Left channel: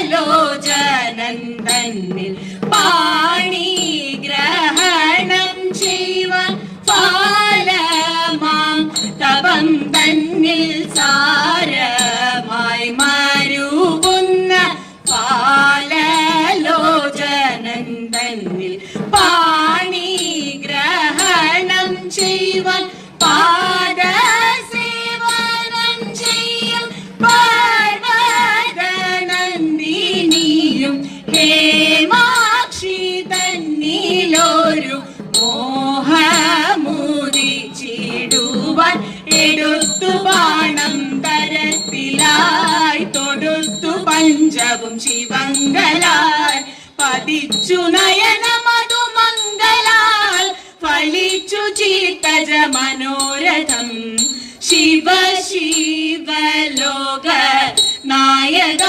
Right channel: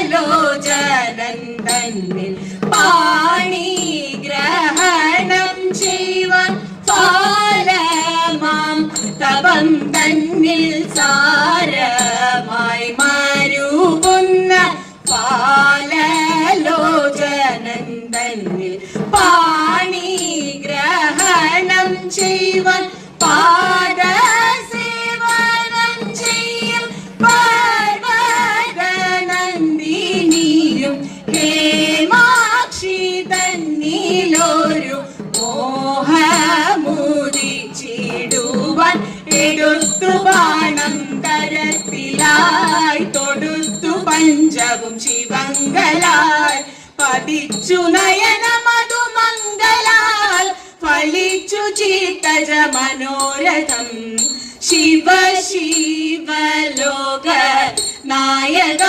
പാലലോചനൻ തന്നിൽ പാണിഗ്രഹണം ചെയ്യുവാൻ പാലമാം തപം തന്നിൽ സാരമായി മരുവുന്ന പാലലോചനൻ തന്നിൽ പാണിഗ്രഹണം ചെയ്യുവാൻ പാദസേവനം ചെയ്യും പാർവതനന്ദിനിയും ഹേമാക്ഷി തന്നിലൊരു മോഹമുദിച്ചിടുവാൻ എടുത്തു ബാണം തരത്തിലായി തൊടുത്തു പഞ്ചവും ശിവങ്കലായി പതിച്ചു നയനമതു മംഗലാൽ ഫലിച്ചു ചിത്തജ മനോരഥം ശിവ ശിവ ലോക നായക